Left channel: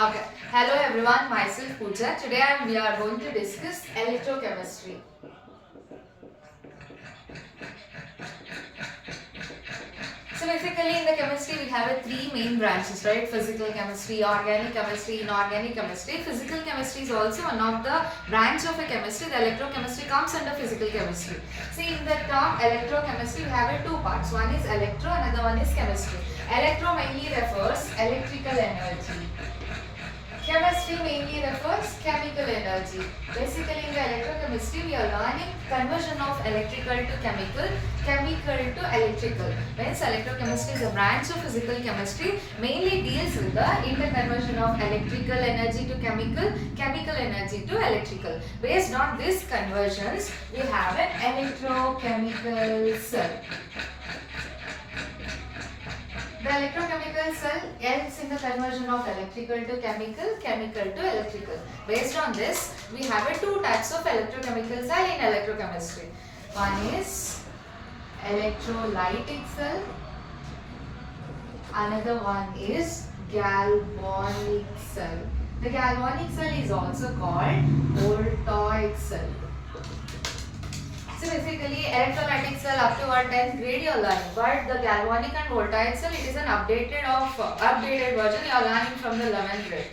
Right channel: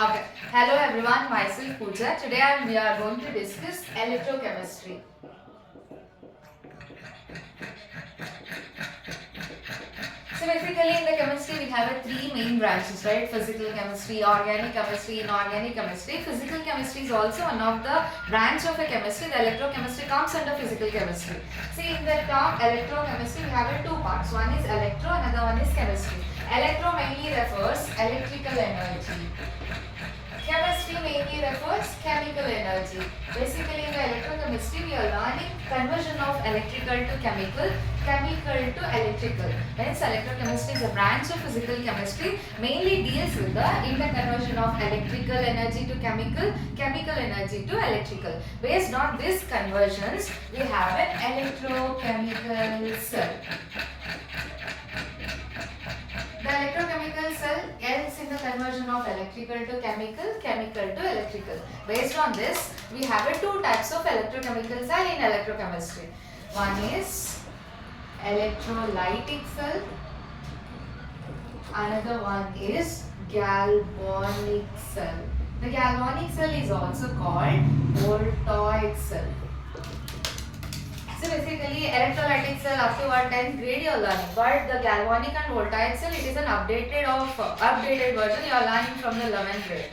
Okay. Hello everyone, myself Pooja. Today we are going to discuss electrochemistry. So basically in the chemistry we have three main branches, right? Physical chemistry, organic chemistry, inorganic chemistry. Physical chemistry is also one of the branch of a chemistry. The electrochemistry comes under physical chemistry. See, in the term electrochemistry we have two parts. One is electro, another one is chemistry. Electro mainly refers electrical energy. Chemistry mainly refers chemical energy. Basically in the electrochemistry we are learning conversion of electrical to chemical, chemical to electrical. Hence electrochemistry is a branch of physical chemistry, mainly deals with the interconversion of electrical energy to chemical, chemical energy to electrical. Based on these conversions we have an electrochemical cell. The electrochemical cell helps in the conversion of electrical to chemical, chemical to electrical. Based on this, we have two types of electrochemical cell in electrochemistry. One is electrolytic cell. Another one is galvanic cell. The galvanic cell is also called voltaic cell. So basically electrolytic cell up to our 10th grade you are learning, but the galvanic and voltaic cell it is an updated version you are learning from the 11th grade,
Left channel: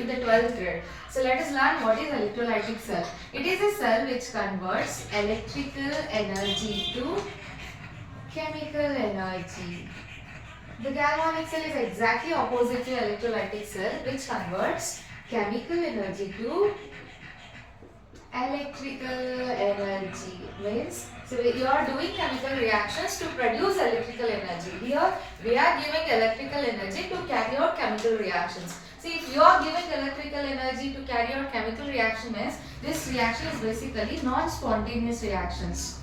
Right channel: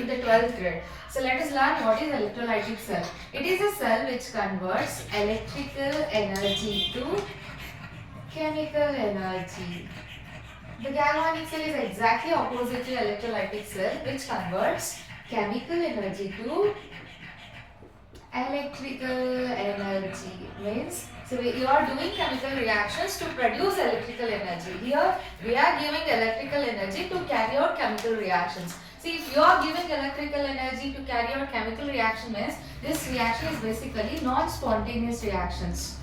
in the 12th grade. So let us learn what is electrolytic cell. It is a cell which converts electrical energy to chemical energy. The galvanic cell is exactly opposite to electrolytic cell which converts chemical energy to electrical energy. Means you are doing chemical reactions to produce electrical energy. Here we are giving electrical energy to carry out chemical reactions. See, if you are giving electrical energy to carry out chemical reaction means this reaction is basically non-spontaneous reactions.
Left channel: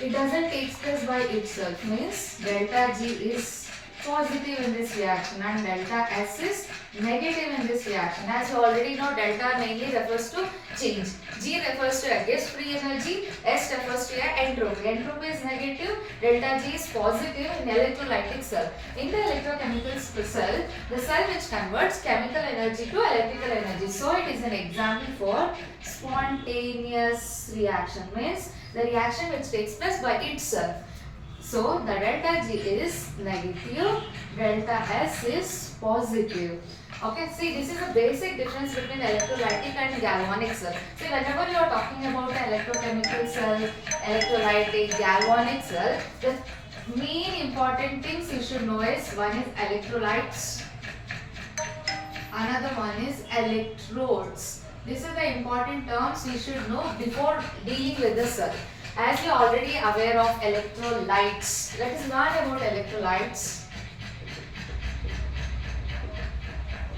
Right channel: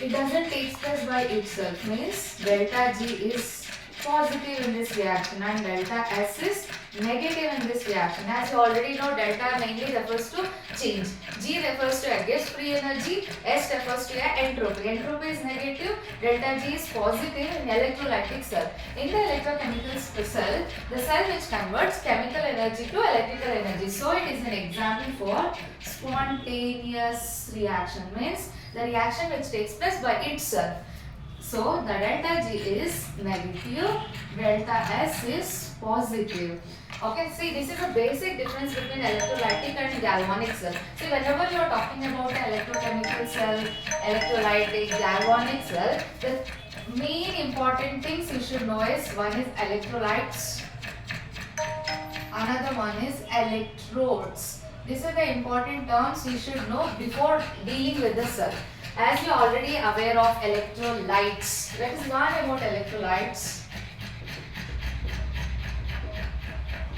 It doesn't take place by itself, means delta G is positive in this reaction and delta S is negative in this reaction. As you already know, delta mainly refers to change. G refers to against free energy. S refers to entropy. Entropy is negative. Delta G is positive in electrolytic cell. In the electrochemical cell, the cell which converts chemical energy to electrical energy. So it is an example for spontaneous reaction. Means the reaction which takes place by itself. So the delta G is negative, delta S is positive. Okay, see, this is the basic difference between electrolytic and galvanic cell. See, whenever you are talking about an electrochemical cell, electrolytic, galvanic cell, the main important things you should know is one is electrolytes, another one is electrodes. These are the important terms you should know before dealing with the cell. As you are already aware of electrolytes, let us learn about electrolytes.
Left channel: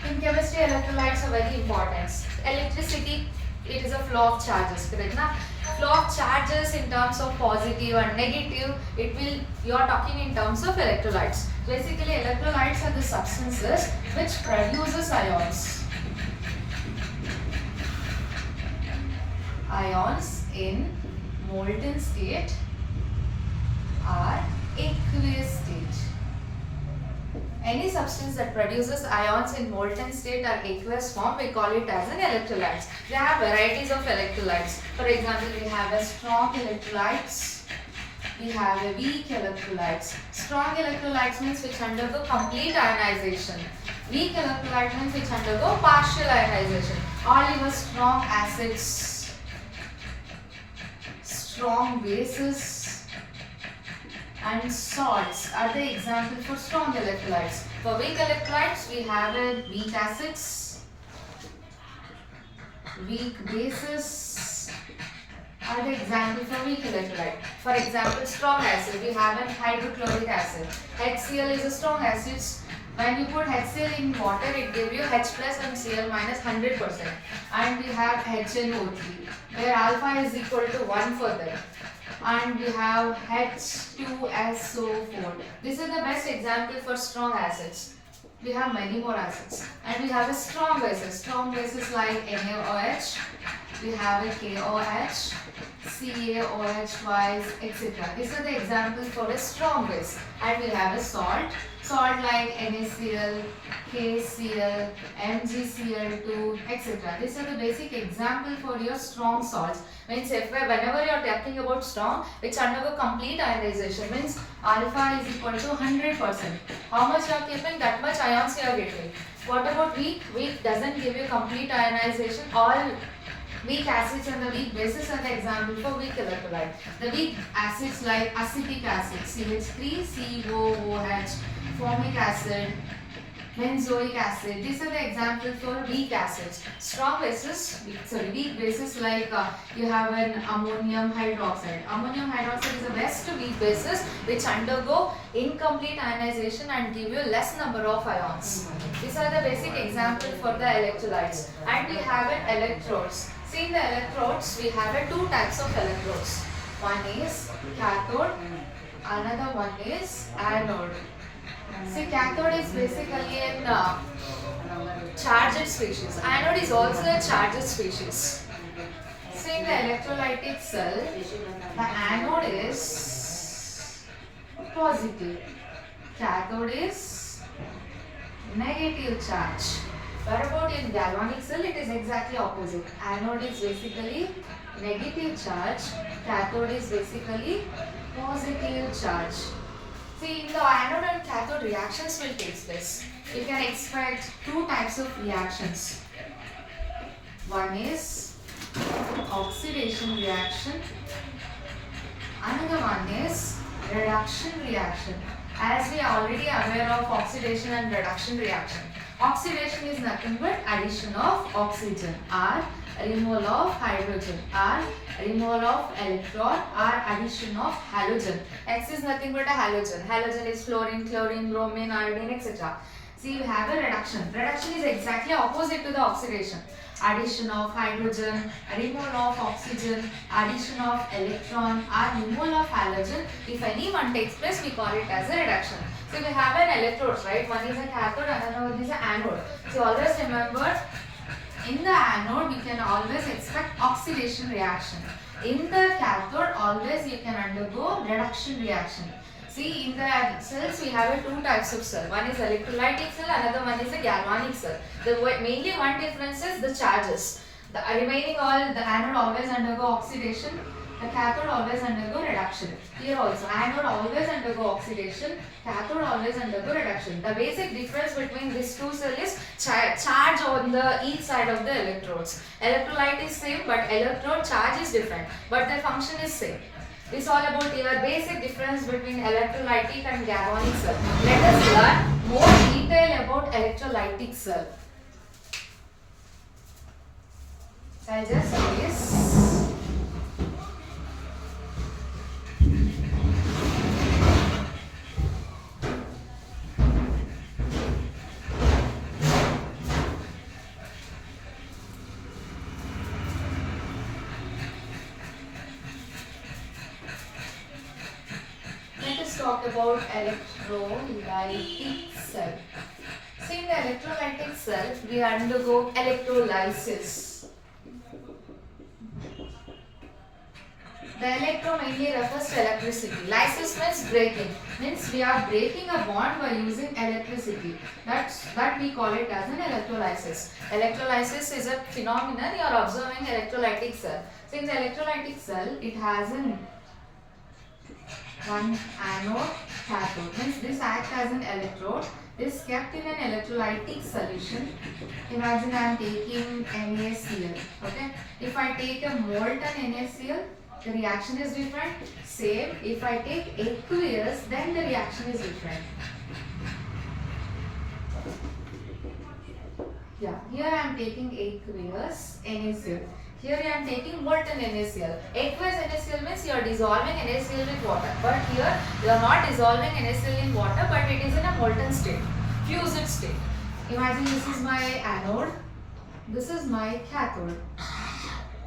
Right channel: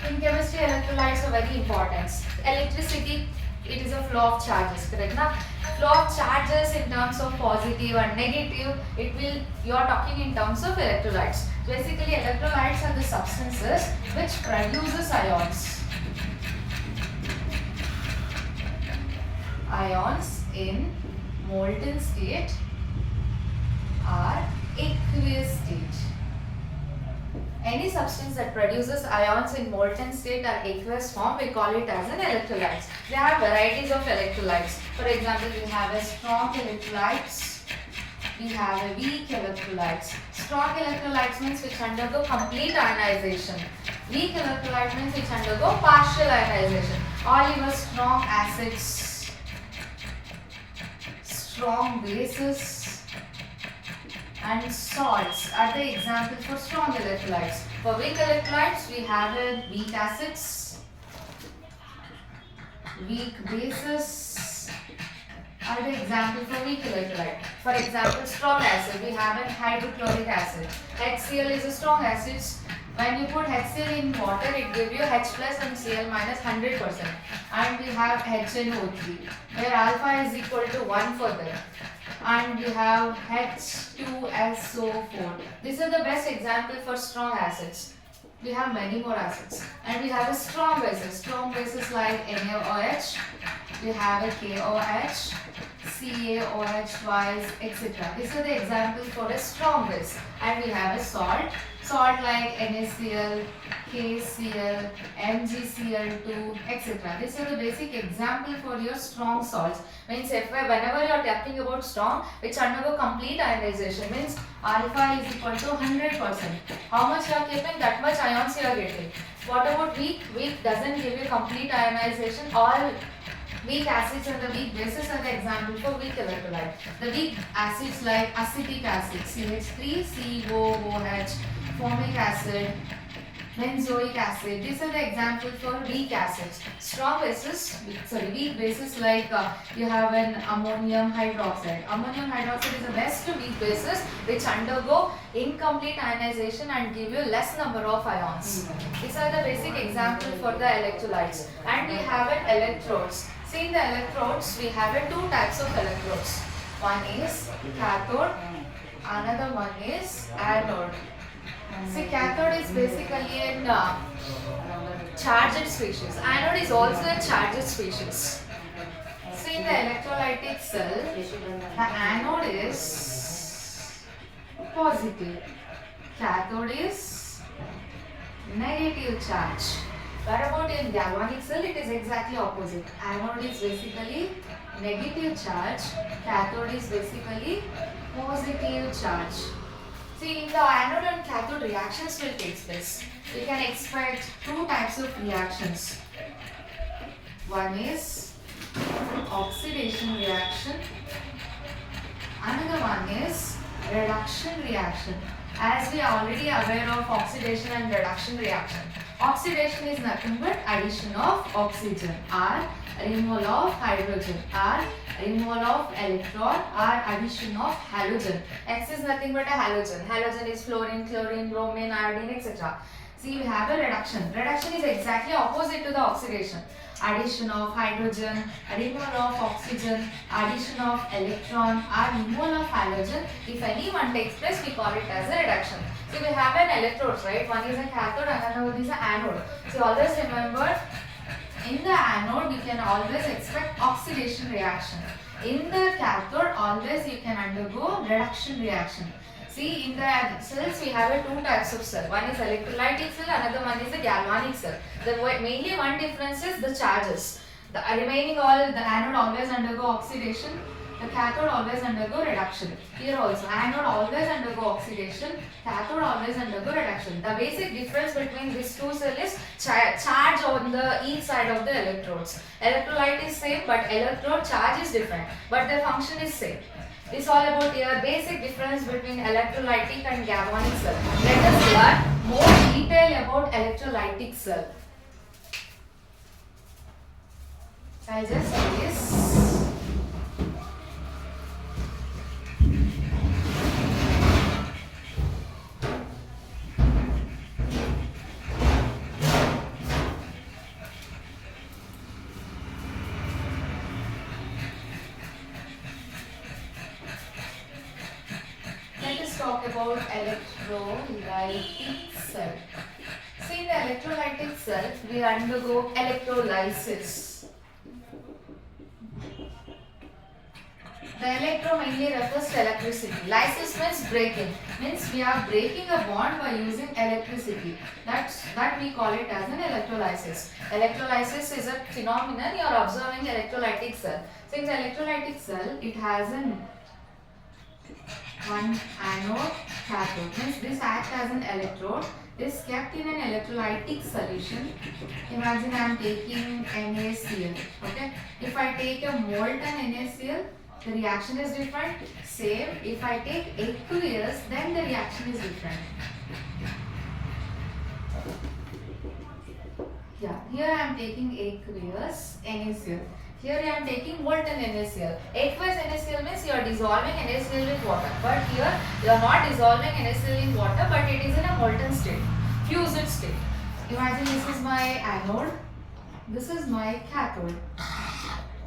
In chemistry, electrolytes are very important. Electricity, it is a flow of charges, correct? Now, flow of charges in terms of positive and negative, you are talking in terms of electrolytes. Basically, electrolytes are the substances which produces ions. Ions in molten state or aqueous state. Any substance that produces ions in molten state or aqueous form, we call it as an electrolyte. There are varieties of electrolytes. For example, we have a strong electrolytes, we have a weak electrolytes. Strong electrolytes means which undergo complete ionization. Weak electrolyte means which undergo partial ionization. All your strong acids, strong bases and salts are the example for strong electrolytes. For weak electrolytes, we have weak acids, weak bases are the example for weak electrolyte. For example, strong acid, we have a hydrochloric acid. HCl is a strong acid. When you put HCl in water, it gives you H plus and Cl minus 100%. And we have HNO3, where alpha is equal to 1 for them. And we have H2SO4. These are the best example for strong acids. We have many more acids. And we have a strong bases. Strong bases like NaOH. We have a KOH, CaOH twice, etc. These are the examples for a strong base. And we have a salt. Salt like NaCl, KCl, MgCl2, etc. These are the basic example for your strong salts. Means whenever you are talking about strong, which undergo complete ionization, means alpha is equal to 100%. How much you are keeping, that much ions you are getting. What about weak? Weak doesn't give you complete ionization. All weak acids and the weak bases are the example for weak electrolyte. The weak acids like acetic acid, CH3COOH, formic acid, benzoic acid. These are the examples for weak acids. Strong bases, weak bases like you have an ammonium hydroxide. Ammonium hydroxide is the best weak bases which undergo incomplete ionization and give you less number of ions. These are the basic examples for the electrolytes. And we have an electrodes. See, in the electrodes, we have two types of electrodes. One is cathode, another one is anode. See, cathode is basically a charged species. Anode is also a charged species. See, in the electrolytic cell, the anode is positive, cathode is negative charge. What about in galvanic cell? It is exactly opposite. Anode is basically negative charge, cathode is basically positive charge. See, in the anode and cathode reactions will take place. We can expect two types of reactions. One is oxidation reaction. Another one is reduction reaction. As we are already aware of oxidation and reduction reaction. Oxidation is nothing but addition of oxygen or removal of hydrogen or removal of electron or addition of halogen. X is nothing but a halogen. Halogen is fluorine, chlorine, bromine, iodine, etc. See, we have a reduction. Reduction is exactly opposite to the oxidation. Addition of hydrogen, removal of oxygen, addition of electron or removal of halogen. If any one takes place, we call it as a reduction. So we have an electrode, right? One is a cathode, another one is an anode. So always remember, in the anode we can always expect oxidation reaction. In the cathode, always you can undergo reduction reaction. See, in the cells we have two types of cell. One is electrolytic cell, another one is a galvanic cell. The mainly one difference is the charges. The remaining all, the anode always undergo oxidation, the cathode always undergo reduction. Here also, anode always undergo oxidation, cathode always undergo reduction. The basic difference between these two cells is charge on the each side of the electrodes. Electrolyte is same, but electrode charge is different, but their function is same. This is all about your basic difference between electrolytic and galvanic cell. Let us learn more detail about electrolytic cell. So I'll just say this. Talk about electrolytic cell. See, in the electrolytic cell, we undergo electrolysis. The electro mainly refers to electricity. Lysis means breaking. Means we are breaking a bond by using electricity. That we call it as an electrolysis. Electrolysis is a phenomenon you are observing electrolytic cell. So in the electrolytic cell, it has one anode, cathode. Means this acts as an electrode. This kept in an electrolytic solution. Imagine I am taking NaCl. Okay. If I take a molten NaCl, the reaction is different. Same. If I take aqueous, then the reaction is different. Yeah. Here I am taking aqueous NaCl. Here I am taking molten NaCl. Aqueous NaCl means you are dissolving NaCl with water. But here you are not dissolving NaCl in water, but it is in a molten state, fused state. Imagine this is my anode, this is my cathode.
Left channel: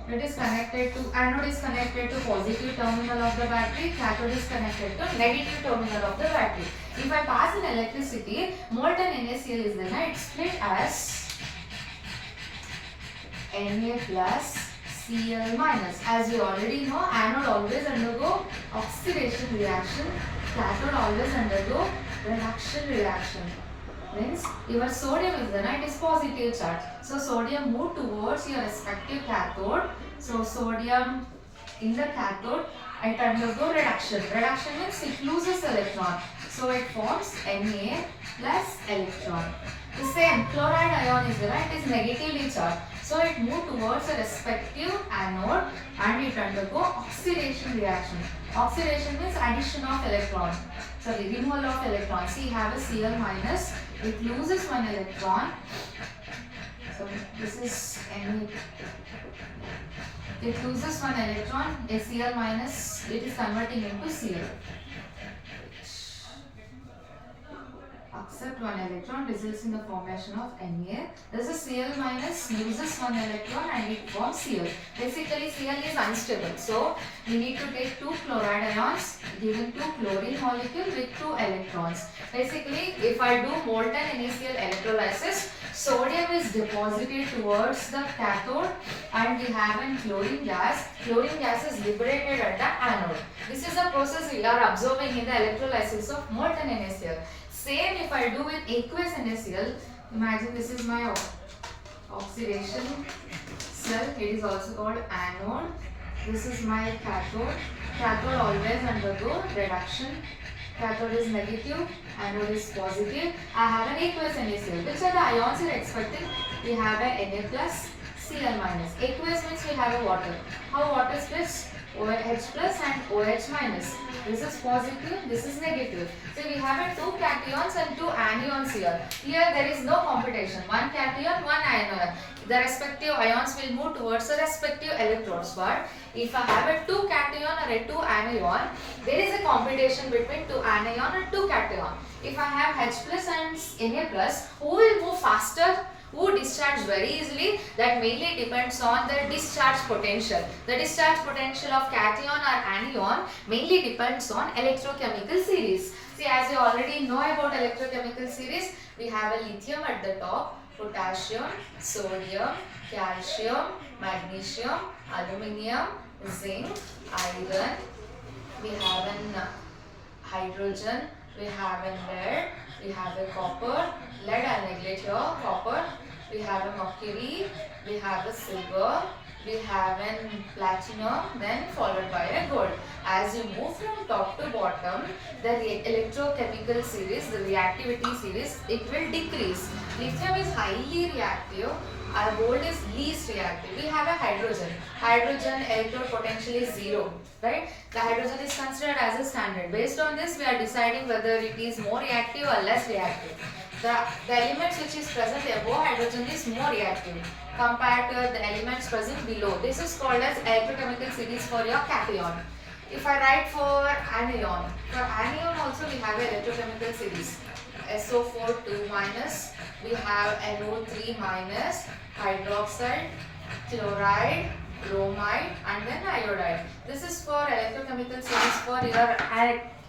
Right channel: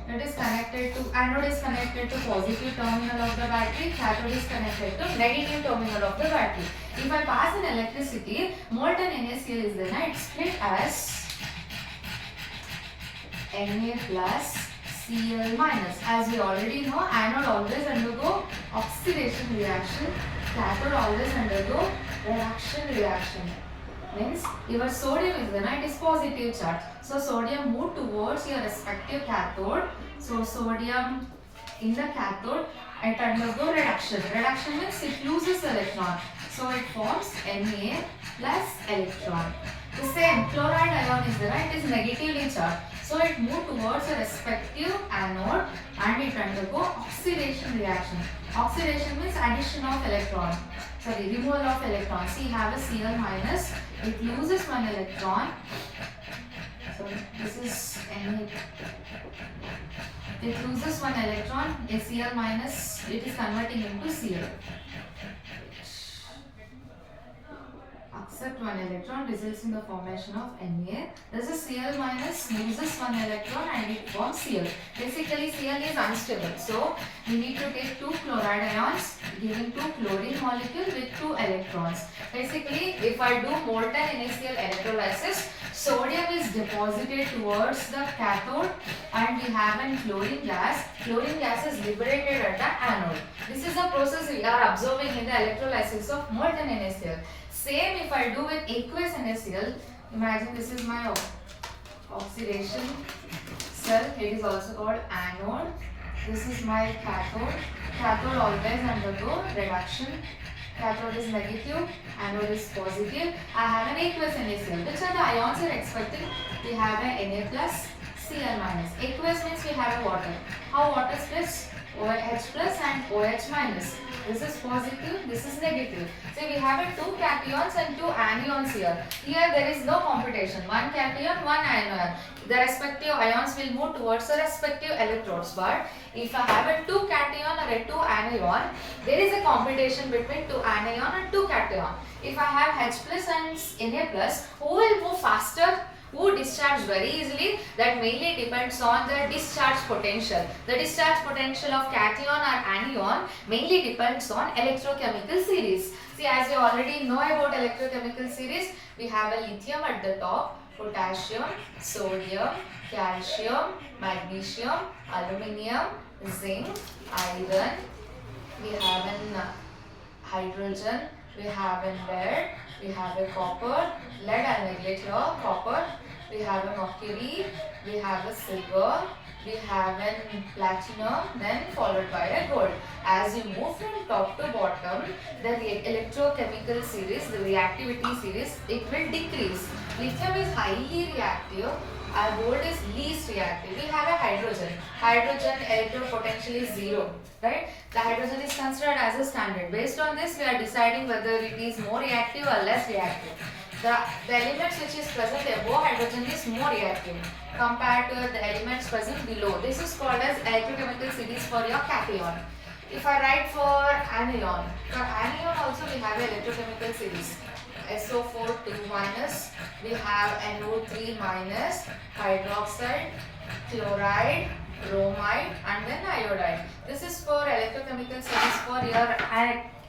It is connected to, anode is connected to positive terminal of the battery, cathode is connected to negative terminal of the battery. If I pass in electricity, molten NaCl is then it's split as Na plus Cl minus. As we already know, anode always undergo oxidation reaction, cathode always undergo reduction reaction. Means your sodium is there, it is positive charge. So sodium move towards your respective cathode. So sodium in the cathode it undergo reduction. Reduction means it loses electron. So it forms Na plus electron. The same chloride ion is there, it is negatively charged. So it moves towards a respective anode and it undergo oxidation reaction. Oxidation means addition of electron. Sorry, removal of electron. See, you have a Cl minus. It loses one electron. So this is Na. It loses one electron. A Cl minus. It is converting into Cl. Accept one electron results in the formation of Na. Thus a Cl minus loses one electron and it forms Cl. Basically Cl is unstable. So we need to take two chloride ions giving two chlorine molecule with two electrons. Basically if I do molten NaCl electrolysis, sodium is deposited towards the cathode and we have a chlorine gas. Chlorine gas is liberated at the anode. This is the process we are observing in the electrolysis of molten NaCl. Same if I do with aqueous NaCl, imagine this is my oxidation cell, it is also called anode. This is my cathode. Cathode always undergo reduction. Cathode is negative, anode is positive. I have an aqueous NaCl. Which are the ions you are expecting? We have a Na plus, Cl minus. Aqueous means we have a water. How water splits? OH plus and OH minus. This is positive, this is negative. So we have two cations and two anions here. Here there is no competition. One cation, one anion. The respective ions will move towards the respective electrodes. But if I have a two cation or a two anion, there is a competition between two anion and two cation. If I have H plus and Na plus, who will move faster? Who discharge very easily? That mainly depends on the discharge potential. The discharge potential of cation or anion mainly depends on electrochemical series. See, as you already know about electrochemical series, we have a lithium at the top, potassium, sodium, calcium, magnesium, aluminium, zinc, iron. We have an hydrogen, we have a lead, we have a copper. Lead I neglect here, copper. We have a mercury, we have a silver, we have a platinum, then followed by a gold. As you move from top to bottom, the electrochemical series, the reactivity series, it will decrease. Lithium is highly reactive, gold is least reactive. We have a hydrogen. Hydrogen electrode potential is 0, right? The hydrogen is considered as a standard. Based on this, we are deciding whether it is more reactive or less reactive. The elements which is present above hydrogen is more reactive compared to the elements present below. This is called as electrochemical series for your cation. If I write for anion also we have a electrochemical series. SO4 2 minus, we have NO3 minus, hydroxide, chloride, bromide and then iodide. This is for electrochemical series for your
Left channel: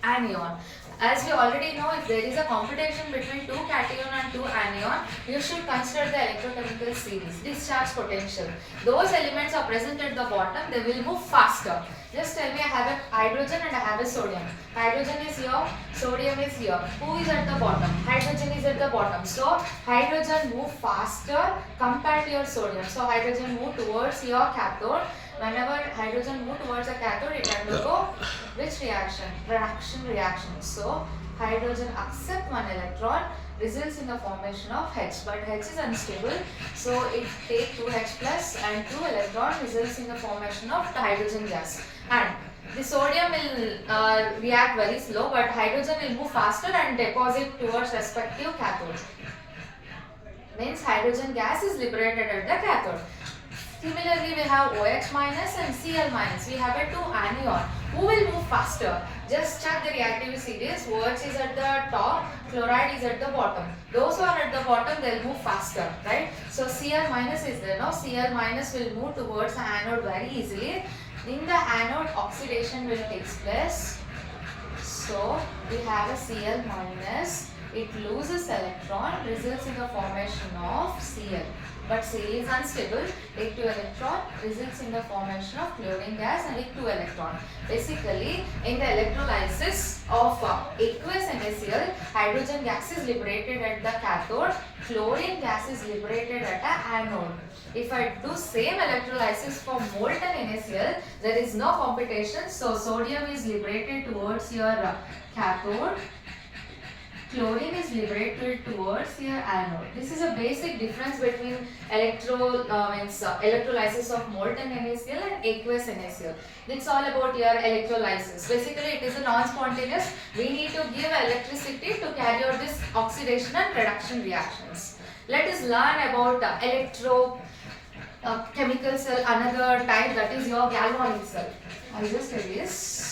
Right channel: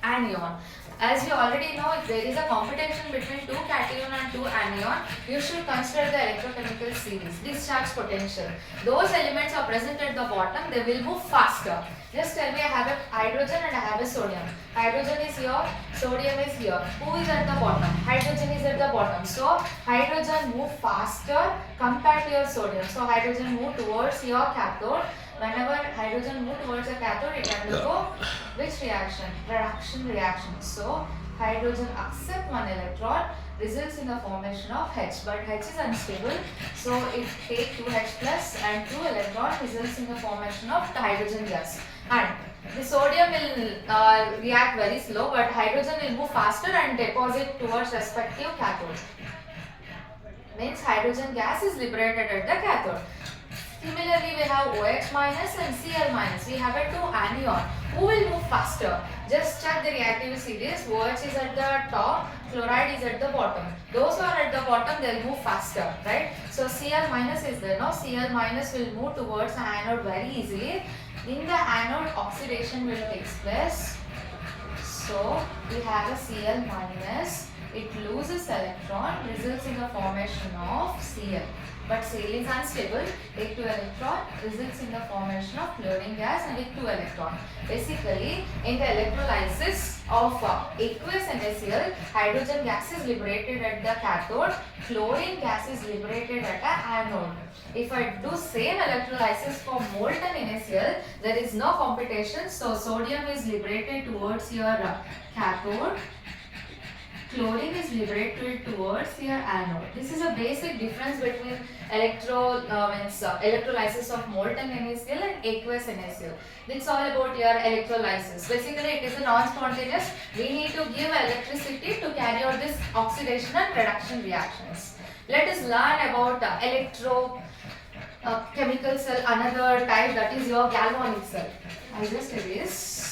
anion. As we already know, if there is a competition between two cation and two anion, you should consider the electrochemical series, discharge potential. Those elements are present at the bottom, they will move faster. Just tell me I have a hydrogen and I have a sodium. Hydrogen is here, sodium is here. Who is at the bottom? Hydrogen is at the bottom. So, hydrogen move faster compared to your sodium. So, hydrogen move towards your cathode. Whenever hydrogen move towards a cathode, it undergo which reaction? Reduction reaction. So, hydrogen accept one electron results in the formation of H, but H is unstable. So, it take 2H plus and 2 electron results in the formation of the hydrogen gas. And the sodium will react very slow, but hydrogen will move faster and deposit towards respective cathode. Means hydrogen gas is liberated at the cathode. Similarly, we have OH minus and Cl minus. We have a two anion. Who will move faster? Just check the reactivity series. OH is at the top, chloride is at the bottom. Those who are at the bottom, they will move faster, right? So Cl minus is there. Now Cl minus will move towards the anode very easily. In the anode, oxidation will take place. So we have a Cl minus. it loses electron, results in the formation of Cl. But Cl is unstable, take 2 electron, results in the formation of chlorine gas and take 2 electron. Basically, in the electrolysis of aqueous NaCl, hydrogen gas is liberated at the cathode, chlorine gas is liberated at the anode. If I do same electrolysis for molten NaCl, there is no competition, so sodium is liberated towards your cathode, chlorine is liberated towards your anode. This is a basic difference between electrolysis of molten NaCl and aqueous NaCl. It's all about your electrolysis. Basically, it is a non-spontaneous. We need to give electricity to carry out this oxidation and reduction reactions. Let us learn about chemical cell, another type, that is your galvanic cell. I'll just erase.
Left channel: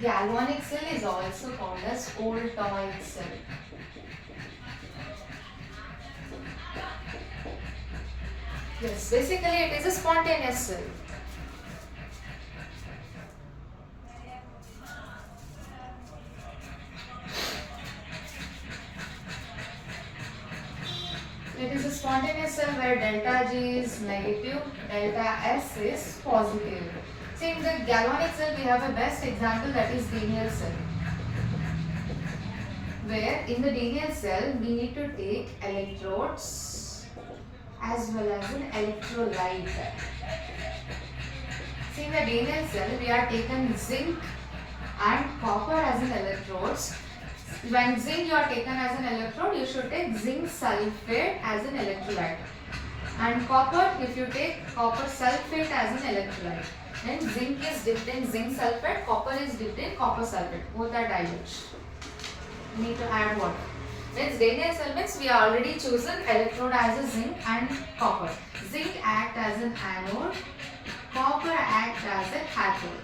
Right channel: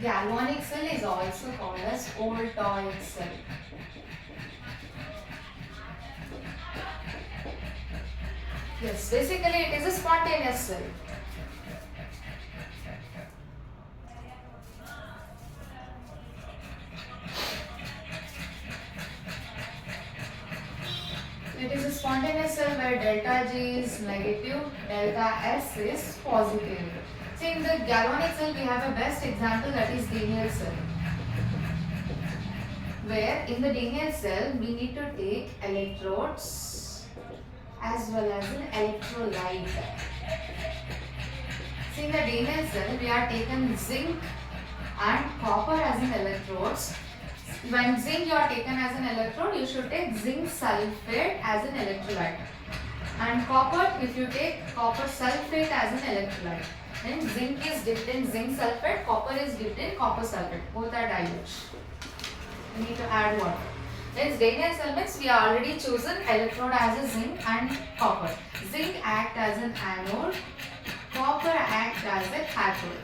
Galvanic cell is also called as Voltaic cell. Yes, basically it is a spontaneous cell. It is a spontaneous cell where delta G is negative, delta S is positive. See, in the galvanic cell we have a best example, that is Daniell cell. Where in the Daniell cell we need to take electrodes as well as an electrolyte. See, in the Daniell cell we are taken zinc and copper as an electrodes. When zinc you are taken as an electrode, you should take zinc sulfate as an electrolyte. And copper, if you take copper sulfate as an electrolyte. Then zinc is dipped in zinc sulfate, copper is dipped in copper sulfate. Both are dilute. We need to add water. When Daniell cell means we are already chosen electrode as a zinc and copper. Zinc act as an anode, copper act as a cathode.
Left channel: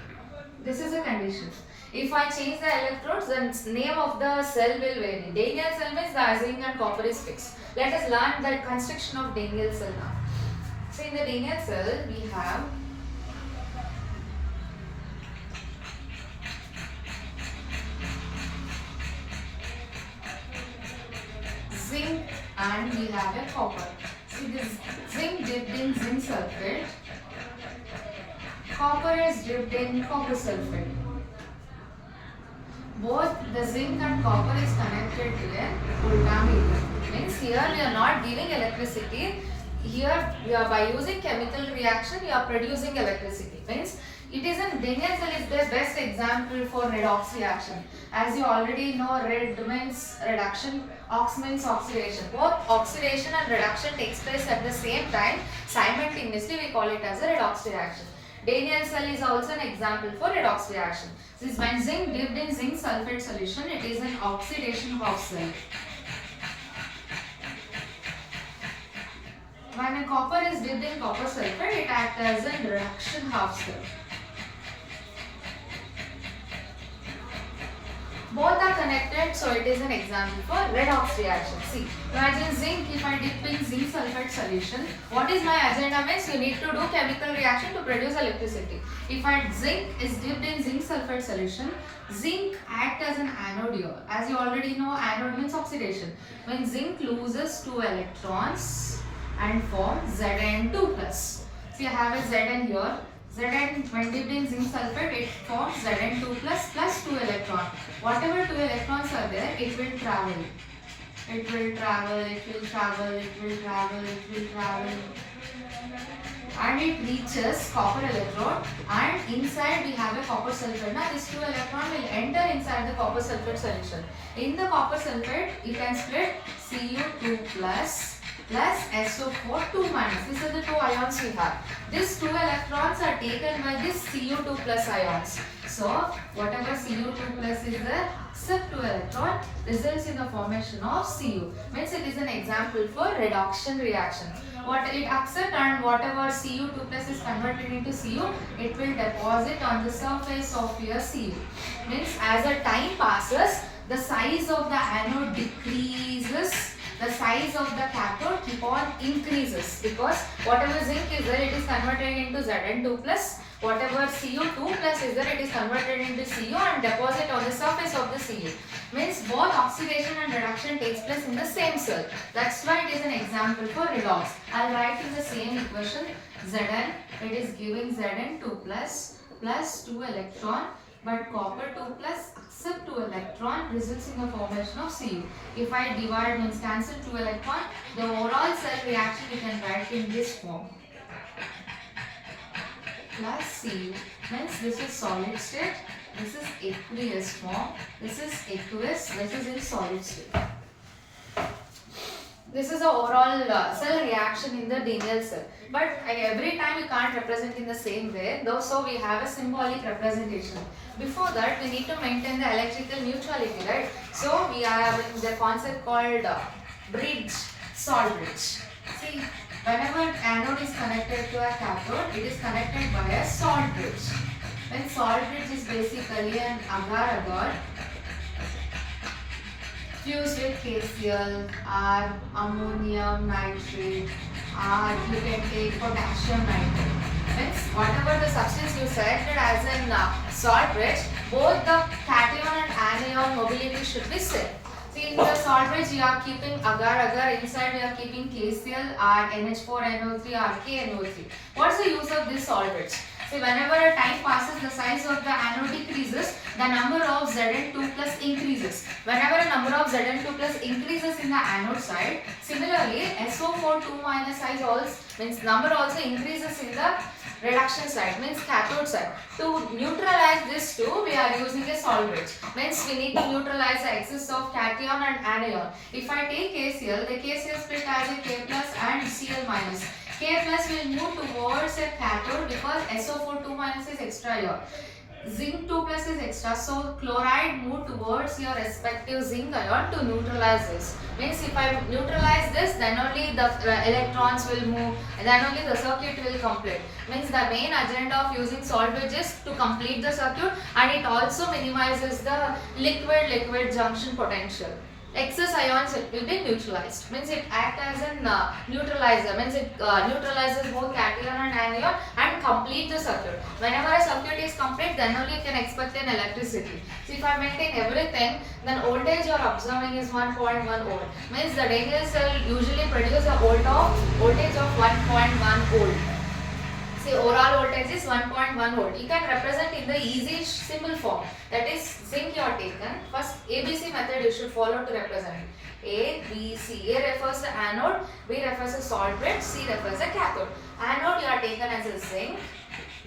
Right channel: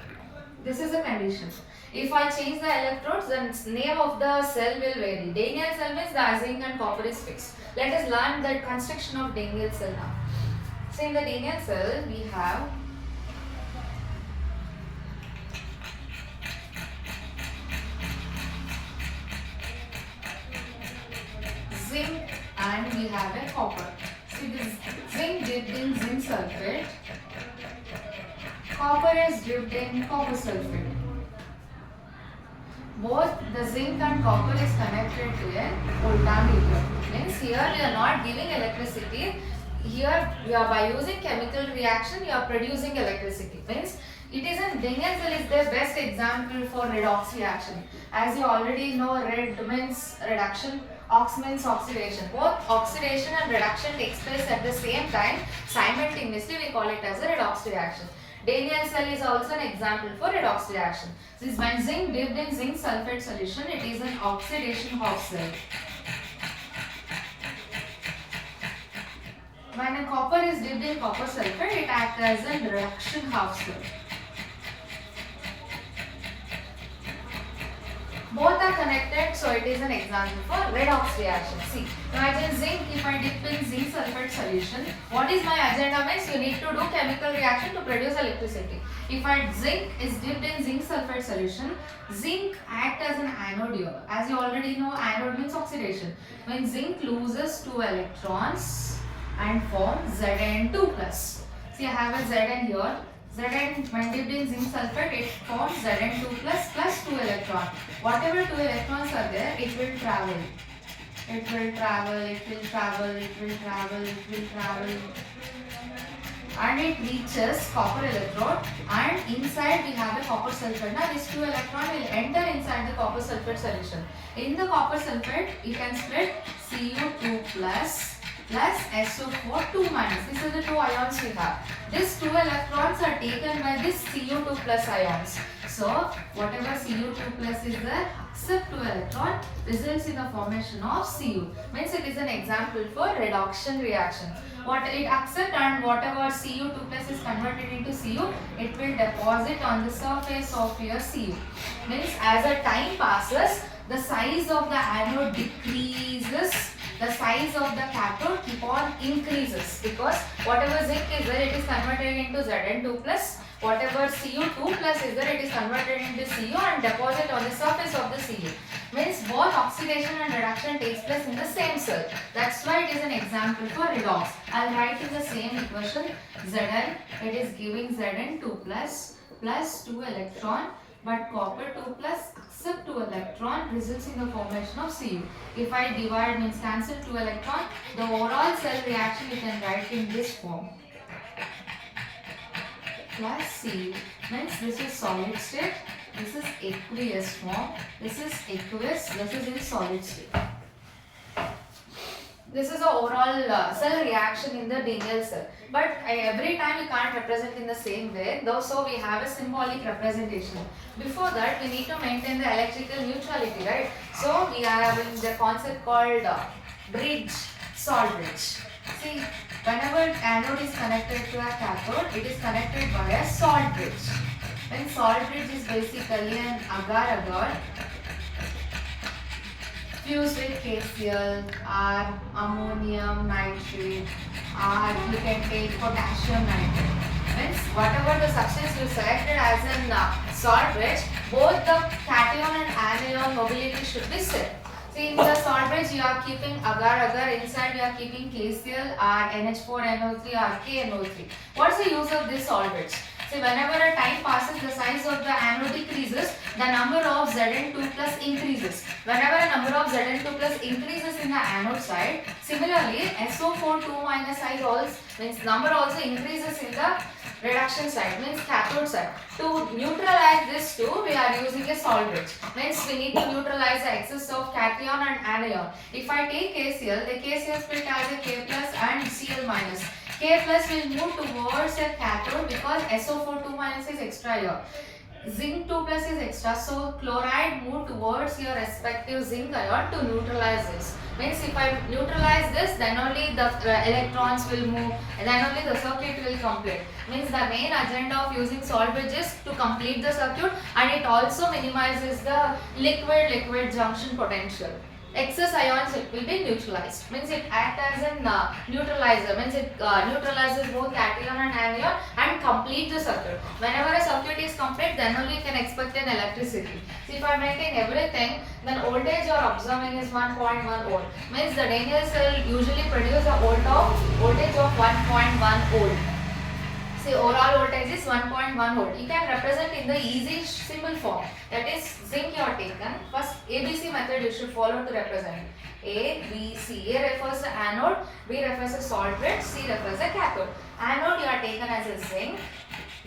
This is a condition. If I change the electrodes, then name of the cell will vary. Daniell cell means the zinc and copper is fixed. Let us learn the construction of Daniell cell now. So in the Daniell cell we have zinc and we have a copper. See, this zinc dipped in zinc sulfate, copper is dipped in copper sulfate. Both the zinc and copper is connected to a voltameter. Means here we are not giving electricity. Here we are, by using chemical reaction, you are producing electricity. Means it is in Daniell cell is the best example for redox reaction. As you already know, red means reduction, ox means oxidation. Both oxidation and reduction takes place at the same time. Simultaneously, we call it as a redox reaction. Daniell cell is also an example for redox reaction. This when zinc dipped in zinc sulfate solution, it is an oxidation half cell. When a copper is dipped in copper sulfate, it acts as a reduction half cell. Both are connected, so it is an example for redox reaction. See, imagine zinc, if I dip in zinc sulfate solution, what is my agenda means you need to do chemical reaction to produce electricity. If zinc is dipped in zinc sulfate solution, zinc acts as an anode here. As you already know, anode means oxidation. When zinc loses 2 electrons and forms Zn2+. See, I have a Zn here. Zn, when dipped in zinc sulfate, it forms Zn2 plus 2 electrons. Whatever 2 electrons are there, it will travel. It will travel, it will travel, it will travel, it will travel. And it reaches copper electrode, and inside we have a copper sulfate. Now this 2 electron will enter inside the copper sulfate solution. In the copper sulfate, you can split Cu2 plus SO4 2 minus. These are the 2 ions we have. These 2 electrons are taken by this Cu2 plus ions. So whatever Cu2 plus is there, accept 2 electron, results in the formation of Cu. Means it is an example for reduction reaction. What it accept and whatever Cu2 plus is converted into Cu, it will deposit on the surface of your Cu. Means as the time passes, the size of the anode decreases, the size of the cathode keep on increases, because whatever zinc is there, it is converted into Zn2 plus, whatever Cu2 plus is there, it is converted into Cu and deposit on the surface of the Cu. Means both oxidation and reduction takes place in the same cell. That's why it is an example for redox. I'll write in the same equation Zn, it is giving Zn2 plus 2 electron, but copper 2 plus accept 2 electron results in the formation of Cu. If I divide, means cancel 2 electron, the overall cell reaction we can write in this form. Plus Cu. Means this is solid state, this is aqueous form, this is aqueous, this is in solid state. This is the overall cell reaction in the Daniell cell. But every time we can't represent in the same way, though, so we have a symbolic representation. Before that, we need to maintain the electrical neutrality, right? So we are having the concept called bridge, salt bridge. See, whenever anode is connected to a cathode, it is connected by a salt bridge. When salt bridge is basically an agar-agar fused with KCl or ammonium nitrate, or you can take potassium nitrate. Means whatever the substance you selected as a salt bridge, both the cation and anion mobility should be set. See, in the salt bridge you are keeping agar-agar, inside you are keeping KCl or NH4NO3 or KNO3. What's the use of this salt bridge? So whenever a time passes, the size of the anode decreases, the number of Zn2 plus increases. Whenever a number of Zn2 plus increases in the anode side, similarly SO4 2 minus size also means number also increases in the reduction side, means cathode side. To neutralize this two, we are using a salt bridge. Means we need to neutralize the excess of cation and anion. If I take KCl, the KCl split as a K plus and Cl minus. K plus will move towards a cathode because SO4 2 minus is extra here. Zinc 2 plus is extra, so chloride move towards your respective zinc ion to neutralize this. Means if I neutralize this, then only the electrons will move and then only the circuit will complete. Means the main agenda of using salt bridge is to complete the circuit, and it also minimizes the liquid-liquid junction potential. Excess ions will be neutralized. Means it acts as a neutralizer. Means it neutralizes both cation and anion and complete the circuit. Whenever a circuit is complete, then only you can expect an electricity. So if I maintain everything, then voltage you are observing is 1.1 volt. Means the Daniell cell usually produces a voltage of 1.1 volt. See, overall voltage is 1.1 volt. You can represent in the easy symbol form. That is, zinc you are taken. First, ABC method you should follow to represent it. A, B, C. A refers to anode, B refers to salt bridge, C refers to cathode. Anode you are taken as a zinc.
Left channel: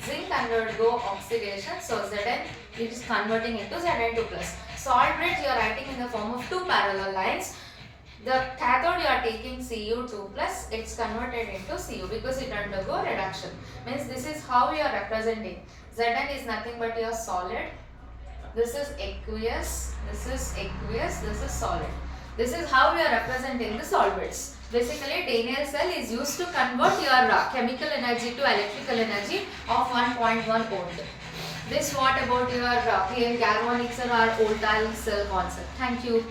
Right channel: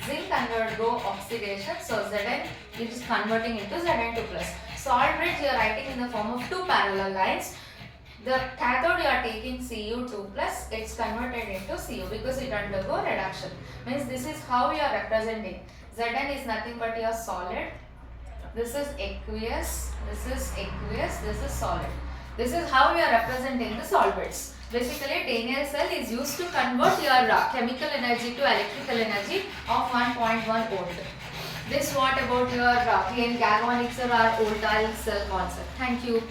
Zinc undergo oxidation, so Zn is converting into Zn2 plus. Salt bridge you are writing in the form of two parallel lines. The cathode you are taking Cu2 plus, it's converted into Cu because it undergo reduction. Means this is how you are representing. Zn is nothing but your solid. This is aqueous, this is aqueous, this is solid. This is how we are representing the solvents. Basically, Daniell cell is used to convert your chemical energy to electrical energy of 1.1 volt. This what about your PN galvanic cell or voltaic cell concept. Thank you.